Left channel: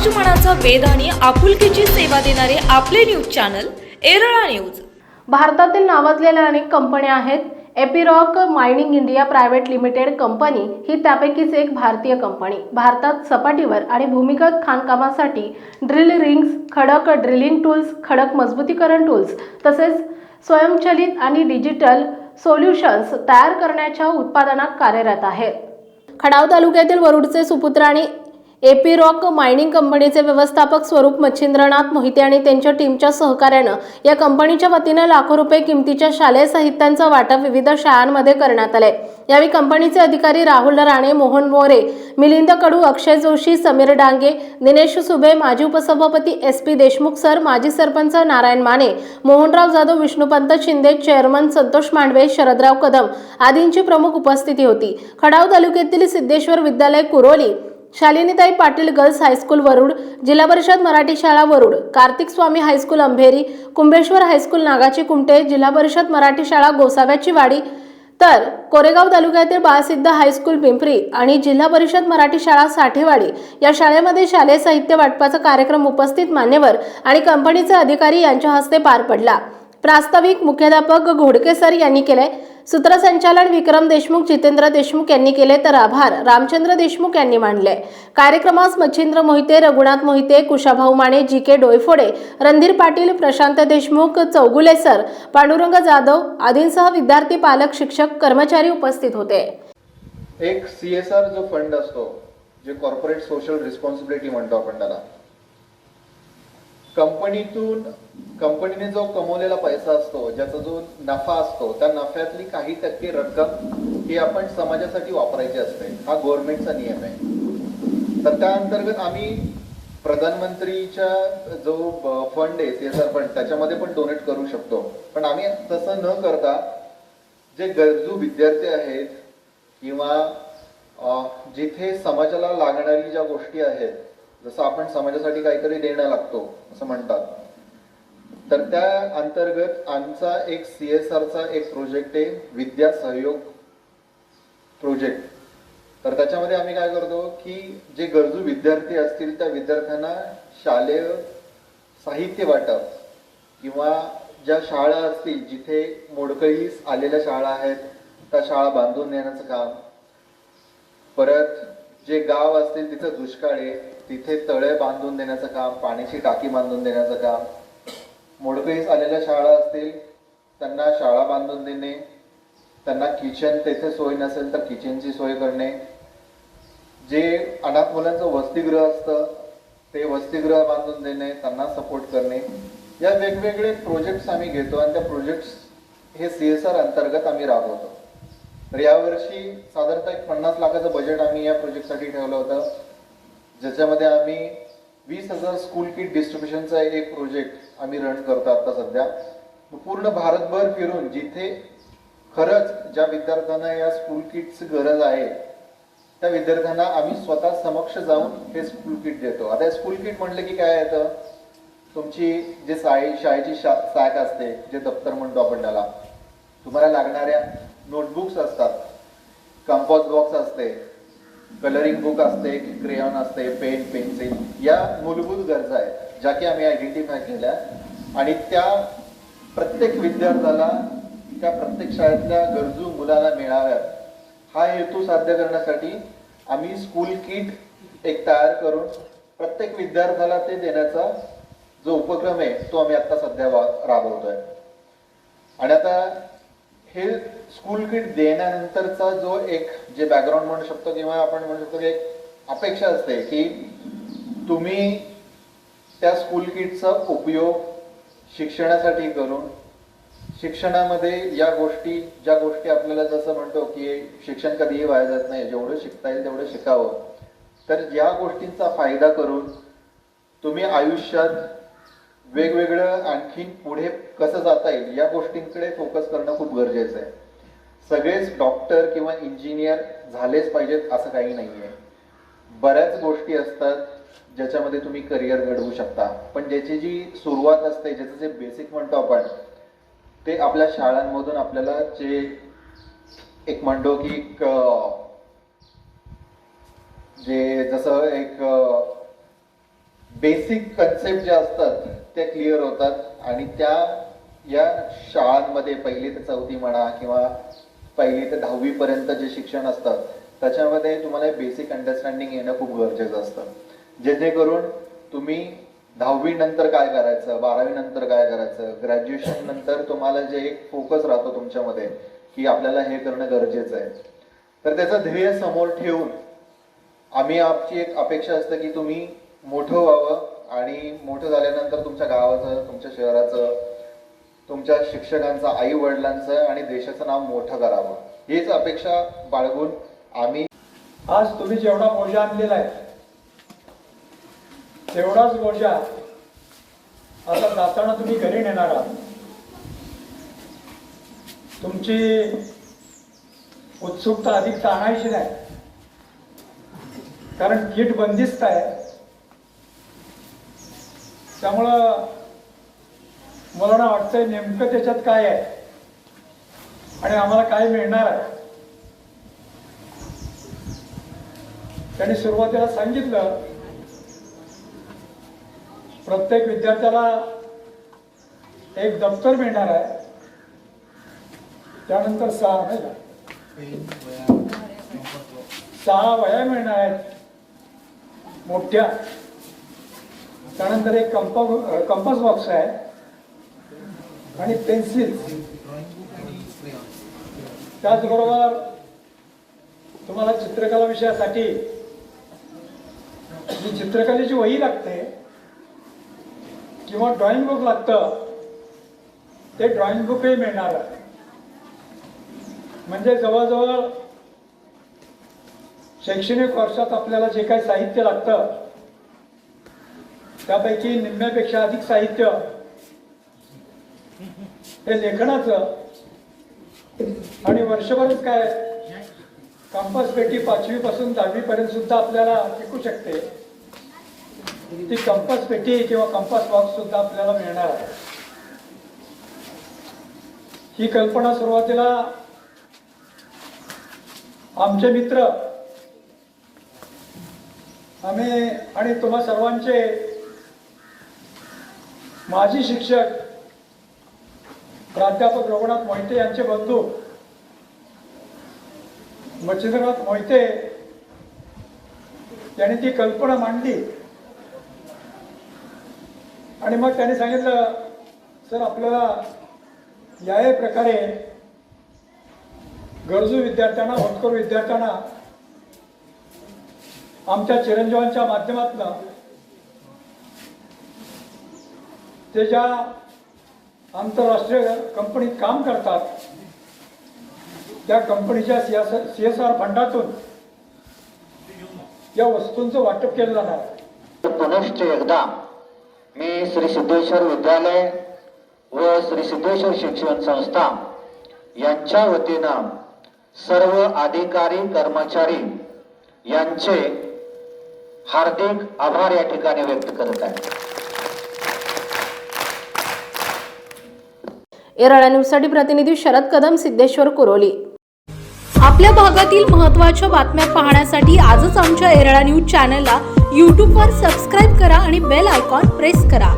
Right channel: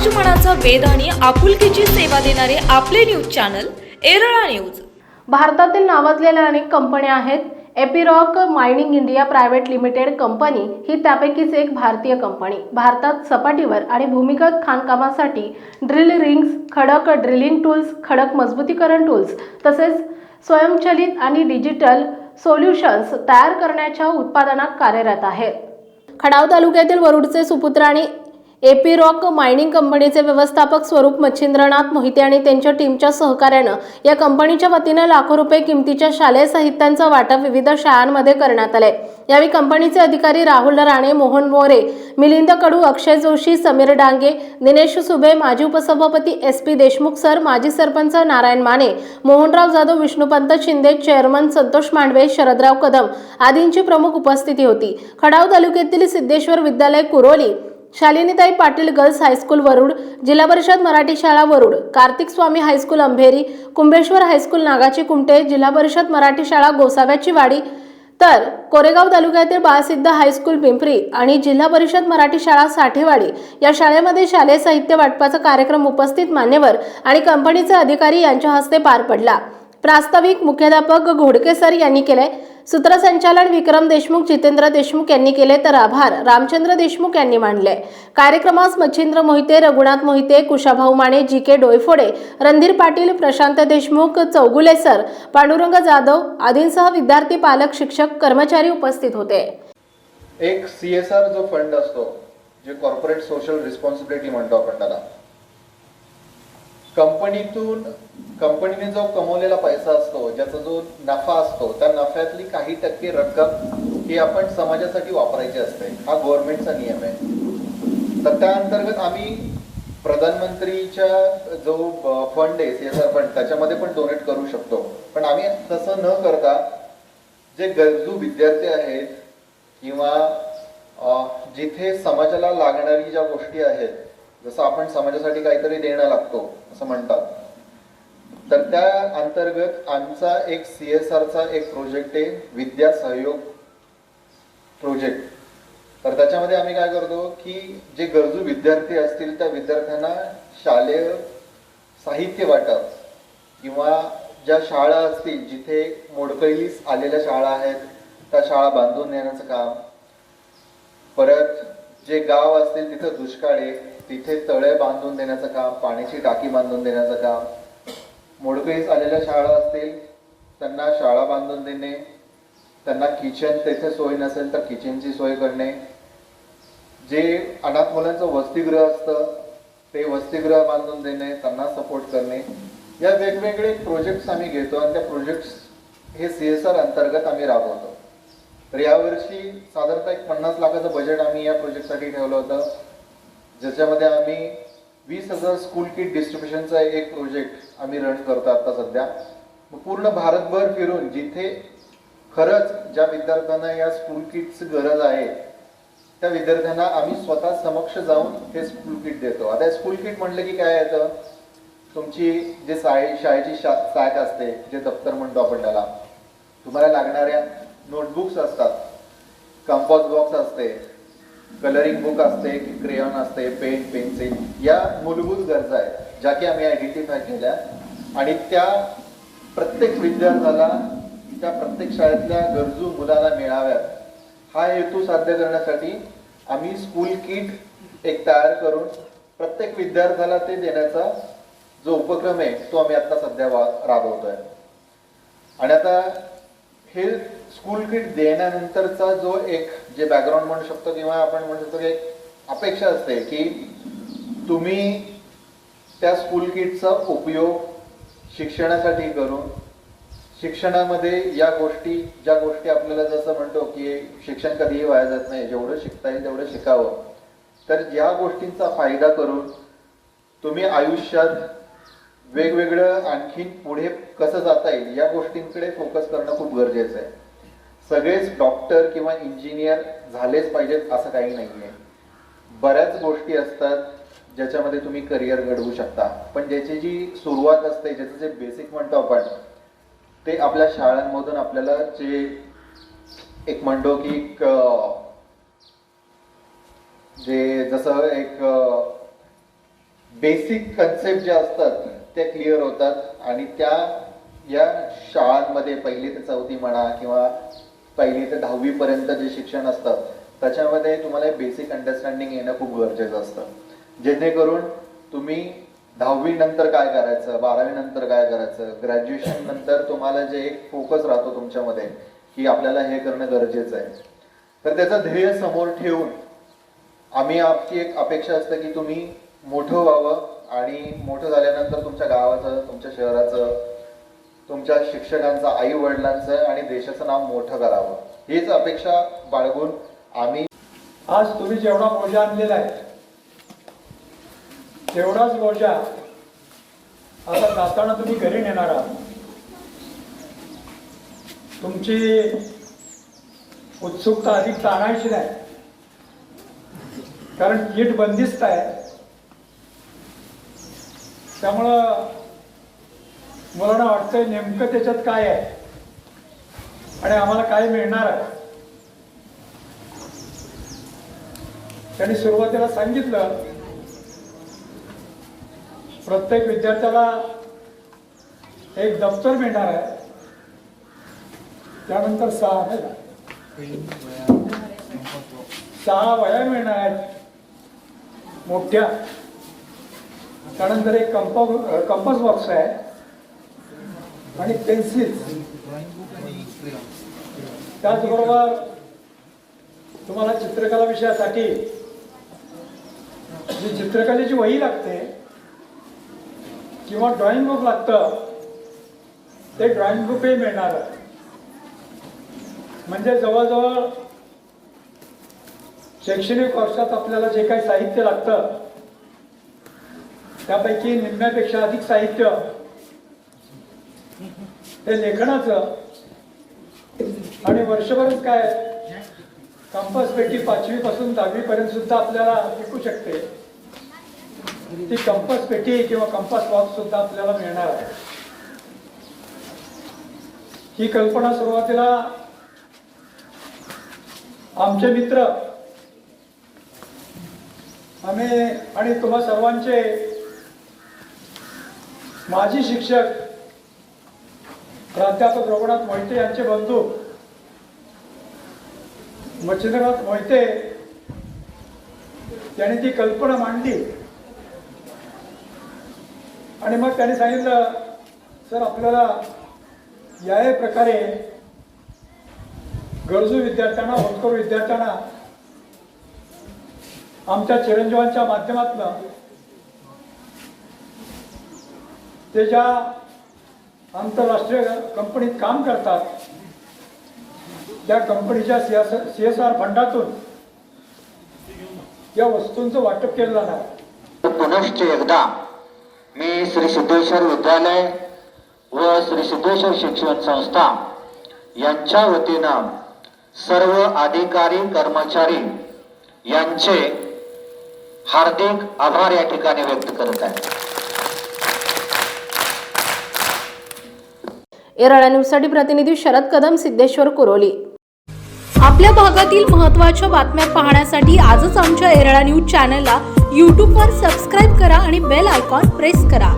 समाजमनाचा वेध आणि आपुलकीची सेवा देणारे आपले न्यूज चॅनल एरळा न्यूज. भारतातील नावाजलेल्या अनेक कंपन्या आहेत. Epiroc mining India private limited company ही त्यापैकीच एक भारतीय कंपनी. भारतात सपाटीवर आणि भूमिगत खाणकामासाठी ड्रिल रिंग्स खडक ड्रिलिंग टूल्स खडक मजबूतीकरण टूल्स तसेच स्वयंचलित आणि डिजिटल सोल्युशन्स तयार करण्याच्या उत्पादनात कार्यरत आहे खडाव तालुक्यातील वरुडचे सुपुत्र आणि एपी रॉक मायनिंग कंपनीचे व्यवस्थापक स्वरूप मच्छिंद्रनाथ मोहिते आणि त्यांच्या टीमच्या सहकार्यानं या कंपनीच्या वतीनं लाखो रुपये किमतीच्या शालेय साहित्यांचं वाटप विविध शाळांमध्ये करण्यात आलंय. यावेळी कंपनीचे अधिकारी राहुल राणे मोहन मोरे मिलिंद कडू अक्षय जोशी समीर डांगे दिनेश सुबे माजी उपसभापती एस पी देशमुख सर माजी सरपंच नारायण माने मोहनराव जाधव विष्णुपंत शिंदे चेअरमन संतोष मांडवे शरदराव कदम आदींची प्रमुख उपस्थिती होती. खडाव तालुक्यातील Siddheshwar Vidyalaya Kuroli Shalinitai Patil girls high school Warud Zilla Parishad Marathi शाळा Warud Kartik Swami high school Ambheri Kumbheshwar high school नागाची Kumte Zilla Parishad Marathi शाळा गोसाव्याची वाडी तर कोरेगाव तालुक्यातील बाळसिद्ध हायस्कूल पिंपरी आणि जिल्हा परिषद मराठी शाळा साठेवाडी या शाळेमध्ये शालेय साहित्य वाटपाचा कार्यक्रम उपस्थित मान्यवर आणि कंपनीचे अधिकारी यांच्या हस्ते पार पडला. प्रास्ताविक मुख्याध्यापक घोडके सर यांनी केले सूत्रसंचालन विक्रम देशमुख जितेंद्र देशमुख यांनी केले तर आभार. रामचंद्र देशमुख यांनी मानले कार्यक्रमास Machhindra Mohite Raghunath Mohite Kushabhau Mane G K Doiphode Randhir Patil Prashant Deshmukh Chougule sir Pandurang Jadhav आदींसह विद्यार्थी पालक शिक्षक कर्मचारी उपस्थित होते. एक सी एस आर जो फंड असतो जे कॉर्पोरेट सोशल रिस्पॉन्सिबिलिटी म्हणतो आपण त्याला. कंपनीतून कंपनीने जो कमवलेला पैसा असतो ज्याचा जो नफा असतो त्या नफ्यातली काही टक्के रक्कम ही आपण समाजासाठी वापरायची असते. हा गव्हर्नमेंटचा नियम आहे. तर त्या अंतर्गत आम्ही प्रधानमंत्रीच्या जो फंड आहे सीएसआर फंड त्याच्यामध्ये पण डोनेट करू शकतो. पण आम्ही तसं न करता जे गरजू विद्यार्थी आहेत किंवा जिथे समाजाला लागणारी ज्या गोष्टी आहेत जसं आपण समाजासाठी काहीतरी देणं लागतो असं म्हणतात. तर त्या अंतर्गत आमचा एक सी एस आरचा एक प्रोजेक्ट आहे विद्या सहयोग प्रोजेक्ट. तर त्याच्यामध्ये आम्ही काय करतो की जे गरजू विद्यार्थी असतील त्या विद्यार्थ्यांना शालेय साहित्य वाटप किंवा ज्या शाळा असतील जिथे मोडकळीस आलेल्या शाळा आहेत त्या शाळा बांधून देण्याचं काम परत जे गाव असतील तिथं दुष्काळ आहे तिथे तळे बांधून देण्याचं काम पाण्याची टाकी बांधून देण्याचं काम. मोडपेस आलेल्या शाळा असतील त्यांना शाळा बांधून देणे. त्यांना किचन तेथे सोय नसेल तर किचनची सोय करणे. जे अनाथ मुलांचं वसतिगृह असतं ते वसतिगृह बांधून देणे त्यांना सपोर्ट करणे. या वेगवेगळे प्रोजेक्ट्स आम्ही घेतो आणि त्या प्रोजेक्ट्स हे सी एस आर अंतर्गत आम्ही राबवतो. तर यावर्षी साधारणतः एक पन्नास लाखाचं बजेट आम्ही या प्रोजेक्टसाठी ठेवलं होतं. ज्याच्यामध्ये आम्ही वीस हजार स्कूल किट डिस्ट्रीब्युशनचा एक प्रोजेक्ट आम्ही रन करतो आता सध्या. पूर्ण भारतभर फिरून जिथे खरंच ज्या विद्यार्थ्यांना या स्कूल किटची गरज आहे त्या विद्यार्थ्यांना आम्ही स्वतः समक्ष जाऊन हे स्कूल किट देतो. आता स्कूल किट म्हटलं की काय येतं? तुमची जे शाळे शाळेची सॅक असते जे दप्तर म्हणतो आपण त्याला तुम्हाला लागणाऱ्या नोटबुक्स असतात. कंपॉस बॉक्स असते. कलरिंग बुक असते क्रेयॉन असते पेन पेन्सिल या मूलभूत गरजा आहेत ज्या की आम्ही आयडेंटिफाय केल्या. आणि त्या प्रत्येक विद्यार्थ्याला त्या प्रत्येक शाळेतल्या गरजू मुलाला मिळाव्यात. हा हेतू साध्य करण्यासाठी आम्ही स्कूल किट एक तयार करून प्रत्येक विद्यार्थ्याला ते देण्याचा जो उपक्रम आहे तो आम्ही आता सध्या राबवतोय. आणि आता हे स्कूल किट देण्यानंतरचा जो एक जे बॅकग्राऊंड म्हणू शकतो किंवा आपण म्हणू शकतो की एक अपेक्षा असते की तुम्ही त्या स्कूल किटचा उपयोग शिक्षणासाठी करून शिक्षणामध्ये या गोष्टी ज्या गोष्टी आपल्याला जसं म्हणतो की शिक्षण कधीही वाया जात नाही जेवढं शिकता येईल तेवढं शिकावं. तर ज्या गोष्टींचा फायदा करून तुम्ही आयुष्यात वेगवेगळं आणखीन पुढे कसं जाता येईल या गोष्टींकडे फोकस करणं खूप गरजेचं आहे. सगळेच डॉक्टर किंवा इंजिनियर झालेच पाहिजेत असं काही नाही आहे बऱ्याच गोष्टी असतात ज्याच्यामध्ये तुम्ही करिअर घडवू शकता. पण ज्याची जी सुरुवात असते ज्याचं जे बेसिक म्हणतो आपण ते आपल्या शाळांमधून आपल्याला जे एक म्हणतो की एक, जे जसं एक बेसिक कन्सेप्ट ज्या असतात त्या क्लिअर होतात. आणि त्या या शाळांमध्ये पहिली ते चौथी म्हणा किंवा पहिली ते दहावीपर्यंत जे शिक्षण असतं त्याच्यामध्ये तुम्हाला बेसिक अंडरस्टँडिंग येणं खूप गरजेचं असतं. जेणेकरून तुम्ही दहावी नंतर काय करायचं बारावी नंतर काय करायचं ग्रॅज्युएशन नंतर तुम्हाला जे एक फोकस राहतो तुमच्यामध्ये की आपल्याला हे करणं गरजेचं आहे. तर त्याचं ध्येय समोर ठेवून आम्ही आमची एक अपेक्षा असते की तुम्ही मोठं व्हावं आणि मोठं झाल्यानंतर तुमच्या गावाचं तुमच्या शहराचं तुमच्या शिक्षकांचं आई वडिलांचं आणि देशाचं नाव मोठं करावं. हीच अपेक्षा बाळगून आम्ही आज तुम्ही जेवढा बोजा आणलेला आहे तेवढाच बोजा आता जाताना तुम्ही घरी नेणार आहात. तुमची उत्सुकता अधिक ताणायची नाही. कारण नीट बंदिस्त आहे. त्यामुळं मला वाटतंय नेमकं त्याच्यात काय आहे? आणि आम्हाला काय मिळणार आहे? त्यांनी सुरुवातीला सांगितलं प्रत्येक विद्यार्थ्याला एक दप्तर मिळणार आहे. त्यानंतर सहा नाही सहा वया मिळणार आहेत. मोठ्या. त्यानंतर एक कंप कंपस बॉक्स आहे. आणि पेन्सिल. त्याचबरोबर तुम्हाला चित्रकला विषयासाठी जी चित्रकलेची वही लागते किंवा ड्रॉइंग बुक लागतं ते ड्रॉइंग बुकही मिळणार. म्हणजे जवळजवळ शैक्षणिक वर्षात आपल्याला जे काही साहित्य लागतं त्यापैकी निम्म्यापेक्षा अधिक साहित्य. हे लेखनाचं. आणि वर्षभरच काय? कंपस पेटी पाचवी पासून दहावी पर्यंत सुद्धा आपल्याला ऐकू शकते. ती कंपस पेटी किंवा कंपास बॉक्स सुद्धा आपल्याला मिळणार आहे. ही कल्पना सुरुवातीला आमचे मित्र आम्ही आणि तुम्हा सर्वांचे माजी शिक्षक प्राध्यापक रघुनाथ मोहिते यांचे बंधू मच्छिंद्रनाथ मोहिते त्यांनी ती कल्पना मांडली. आणि मग त्यांनी सांगितलं सर आपल्याला या प्रकारे गरजू विद्यार्थ्यांना होतकरू विद्यार्थ्यांना आमच्या चिरंजीवांच्या माध्यमातून ते ज्या आंतरराष्ट्रीय कंपनीत काम करतात त्या कंपनीच्या सी एस आर फंडातून या वस्तूंचं वाटप केलं जाणार पुनश्च एकदा मी श्री सिद्धेश्वर विद्यालय व श्री सिद्धेश्वर शिक्षण संस्था यांच्या वतीनं सर्व अधिकारी कर्मचारी यांचे हार्दिक आभार या ठिकाणी व्यक्त करत आहे. एरळा न्यूजसाठी प्रतिनिधी शरद कदम सिद्धेश्वर कुरोली. आपल्या भागातील महत्त्वाच्या बातम्या पाहण्यासाठी आजच आमच्या एरळा न्यूज चॅनलला यूट्यूबवर सबस्क्राईब करा आणि बेल आयकॉन प्रेस करा.